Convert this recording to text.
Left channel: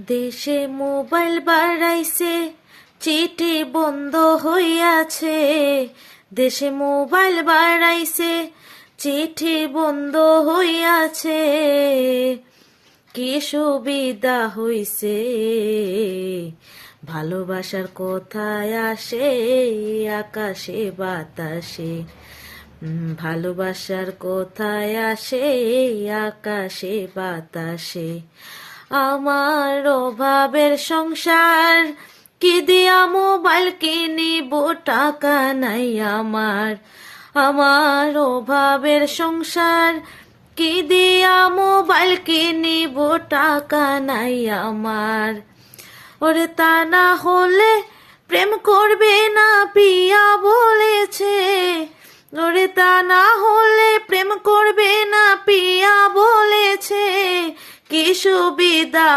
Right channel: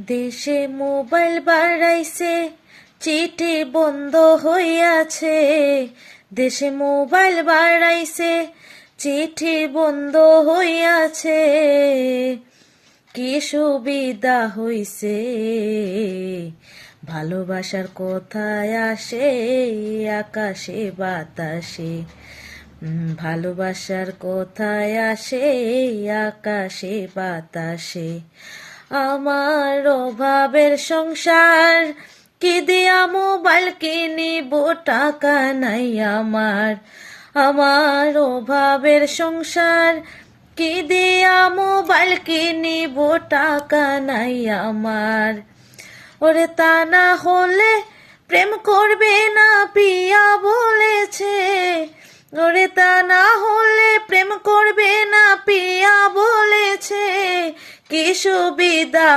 দেশে মোবাইল বাড়াইছে, চিঠি বন্ধ হইয়াছে। দেশে মোবাইল বাড়াইছে, চিঠি বন্ধ হইয়াছে। কি সুবিধা হইছে, ভালোবাসার কথায় আসে আকাশে বাতাসে। ভালোবাসার কথায় আসে আকাশে বাতাসে। আমার অভাবের সংসার, কি দিয়া মোবাইল কিনিব, টাকা নাই আমার। আমার অভাবের সংসার, কি দিয়া মোবাইল কিনিব, টাকা নাই আমার। ওরে তা না হলে প্রেম করবে না পিয়া বলেছে। ওরে তা না হলে প্রেম করবে না পিয়া বলেছে। কি সুবিধা